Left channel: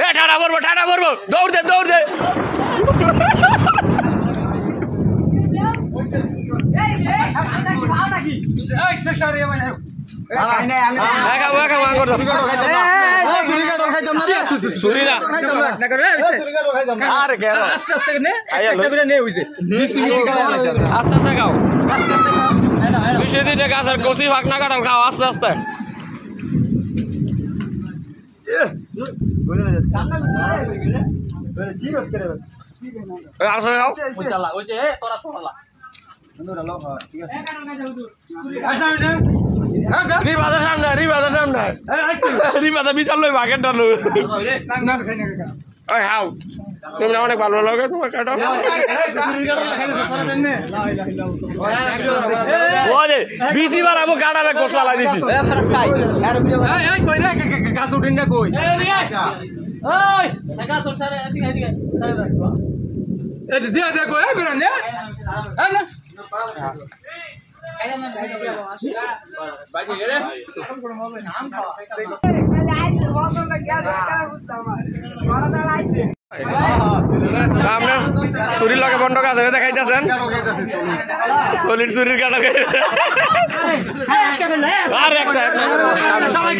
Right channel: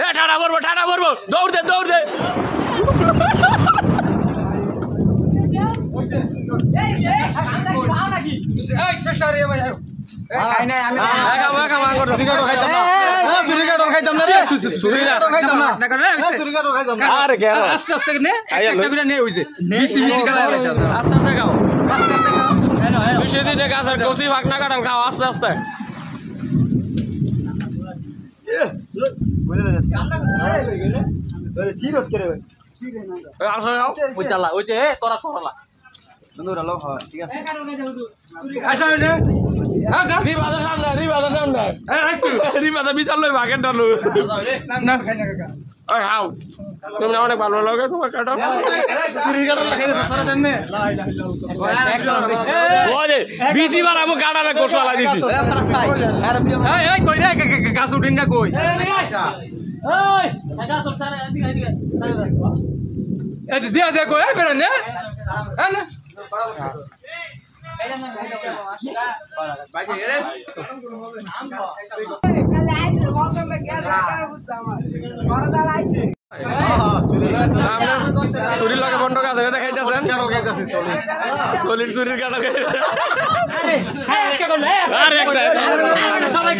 এ ঠাডা পড়বো দৌড় দে আস্তে খাও গাছের কচি ভাগ না কাটাল খাও আস্তে আস্তে রিবাদের বিচার লই ভাগের ডালু হাও তুমি অনেক ভালো লাগে তোমার কাটা বিচি বাড়াবো গাড়ালে গোসলা দিছি গাছ উঠিন না কই দিয়া দেখো বেরোন চুরির লগে বন্ধ কাজ দেখাইতেছেন চুরির কাটা আর একটা সবাই